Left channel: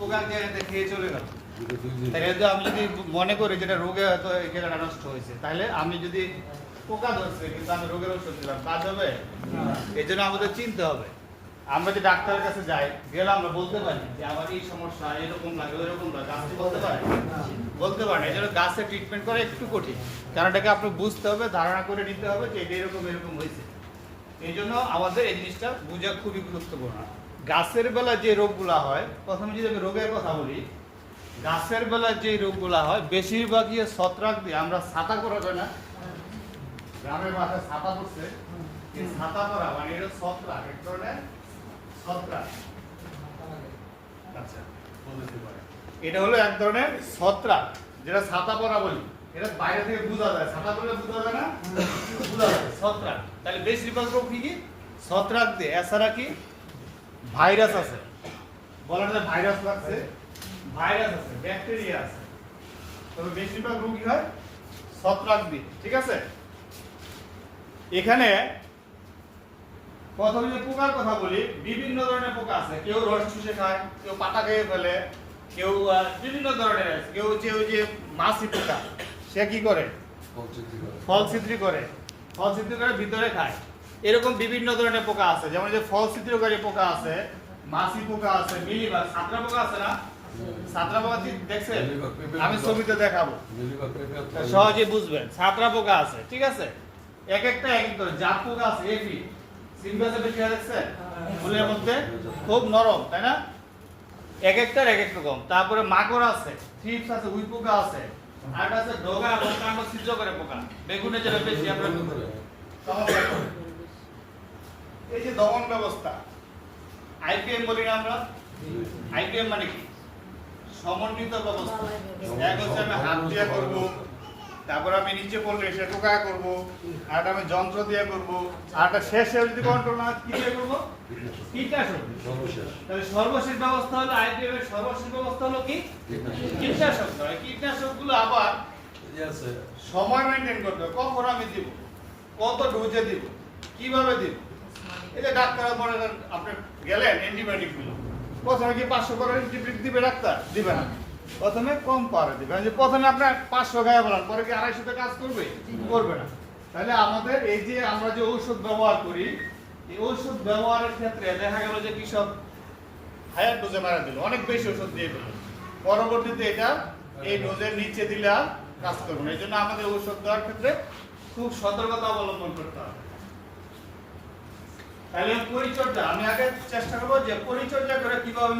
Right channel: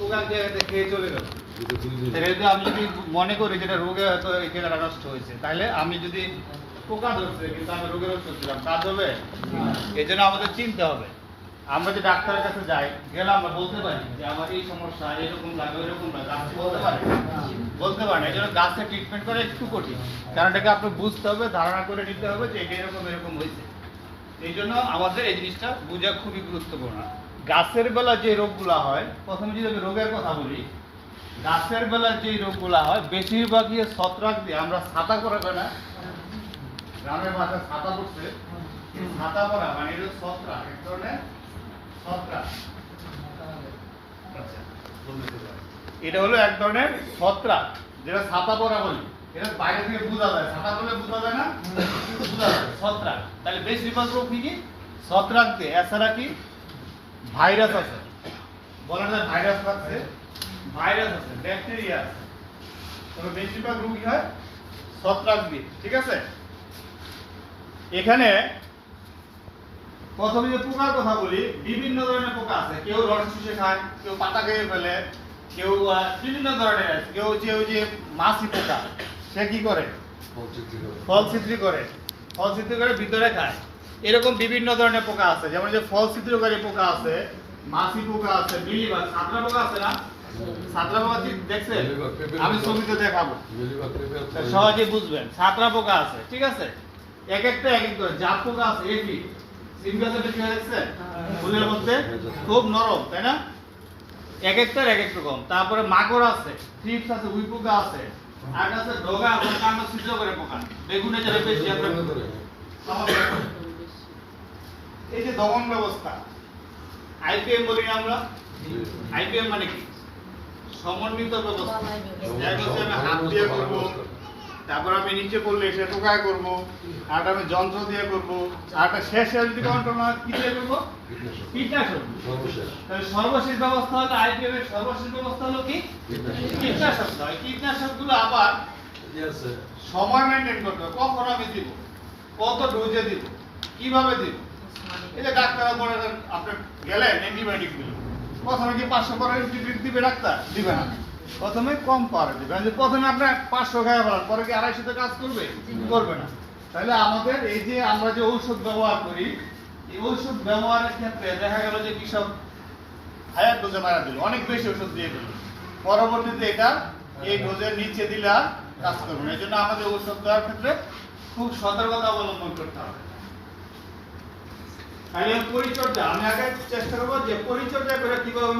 পোকা দিয়ে খেয়ে চলে গেল। তাহলে আমি যদি মনে করি যেটা রোগে হয়তো এখানে নষ্ট হয়েছে, তাহলে আমি যদি পোকা ধরছে কিন্তু আমি রোগের ওষুধ দিলাম, কাজ হবে? এই জন্য আমাদের চিনতে হবে। আমরা যদি ডাক্তারের কাছে যাই, গেলে আমরা বলতে পারি যে আমার এই সমস্যা, এরকম লাগে, ওইরকম লাগে, গাছ বলতে পারে? বলতে পারে না। এই জন্য গাছের ট্রিটমেন্ট করা একটু কঠিন, কারণ এটাকে আপনি বুঝতে হবে, ধারণা করে নিতে হবে যে এটা এরকম এরকম হয়েছে। এই জন্য আমাদের এই জিনিসটা বোঝা খুবই গুরুত্বপূর্ণ। গাছের বেলা যে রোগগুলো হয়, প্রথমে যদি আমি রোগের কথা বলি, গাছের বেলা যে রোগগুলো হয় বেশিরভাগই ছত্রাক দিয়ে। আমরা ছাতা করাবে না, গ্রামের মাথায় ছাতা করছে, ছাতা করা মানে এটা ছত্রাক, এক ধরনের ছত্রাক। আচ্ছা, এটা হলো এক ধরনের ছত্রাক যেটা ছাতা পরা বলি। এটা বাইরে থেকে বোঝা যায়, ছাতা পরলে বোঝা যায় না, বোঝা যায় ছত্রাক। তাহলে বেশিরভাগ রোগ কি ছত্রাক দিয়ে। এছাড়া কি ভাইরাস আছে, বলা যায় ভাইরাস আছে, ভাইরাস আছে, ব্যাকটেরিয়া আছে, তবে বেশিরভাগ রোগ কি হয় ছত্রাক দিয়ে। ঠিক আছে, এখানে প্রথমে যে পোকার কথা বলি, বিভিন্ন ধরনের পোকা আছে। কেউ রস চুষে খায়, কেউ পাতা খেয়ে ফেলে, কেউ বিভিন্ন ধরনের আছে। কেউ যে ওই যে মাছি পোকা, সে কি করে ফল ছিদ্রি করে, ফল ছিদ্রি করে ভিতরে খায়। এরকম বিভিন্ন ধরনের পোকা আছে, যেমন যে ফল ছিদ্রকারী পোকা আছে, মাছি পোকা আছে, মিলিবাগ, ছাত্রা পোকা আছে না? ছাত্রা পোকা দেখছেন? আমি ছবিতে দেখাবো, সহজে বুঝবেন। ছাত্রা পোকা আছে, ঠিক আছে? এক একটা এক এক ধরনের। জাপ পোকা আছে, এফি সিম গাছের কি হয়েছে ফুলের মধ্যে খুব নরম, তাই না? এক একটার এক এক রকম। তারপরে মাকড় আছে, থ্রিপস আছে, উই পোকা আছে, আর একটা আছে ডগা বা কাণ্ড ছিদ্র করে পোকা। বেগুনে যেটা বেশি আমরা এই যে দমন ব্যবস্থা, আইপিএম বলি না আমরা? আইপিএম মানে কি? সমন্বিত ব্যবস্থা। এক হচ্ছে আমি হাত দিয়ে করব, তারপর আমি নিচে পড়লে সে টোকা করব, আর আমি যন্ত্র দিয়ে করব, আর শেষে যদি কন্ট্রোল না কি দিয়ে করব? কীটনাশক। তাহলে সর্বশেষ ব্যবস্থা হলো আইপিএম এর সর্বশেষ ব্যবস্থা হলো কি? কীটনাশক। এই কীটনাশকগুলো আবার সময় মেইনটেইন করতে হবে। কখন আমি দিব, কত ডোজে দিব, কিভাবে দিব। এই যে ডাক্তার বলে আপনি গেলেন অ্যান্টিবায়োটিক দিল, প্রথমে কি 500 করে অ্যান্টিবায়োটিক দিবে ডাক্তার? দিবে না, প্রথমে কম পারে দিবে। যে প্রথমে আপনার 500 গায়ে বলার পরে কি 250 কাজ করবে? করবে না। তাহলে আমাদের এই যে আমরা যে ঔষধ ব্যবহার করি, এই ঔষধ ব্যবহারের ক্ষেত্রে দেখা গেল যে কৃষক হায়ার ডোজে মারা দিল, অনেক বেশি ওষুধ দিয়ে দিল, পরবর্তীতে এটা এই ডোজের নিচে দিলে আর কাজ করবে না। এই জন্য আমাদের ঔষধ দেওয়ার ক্ষেত্রে খুব সতর্কতা অবলম্বন করতে হবে। তাহলে পরিচর্যা আমি আগে চেষ্টা করবো যে পরিচর্যা করে কিভাবে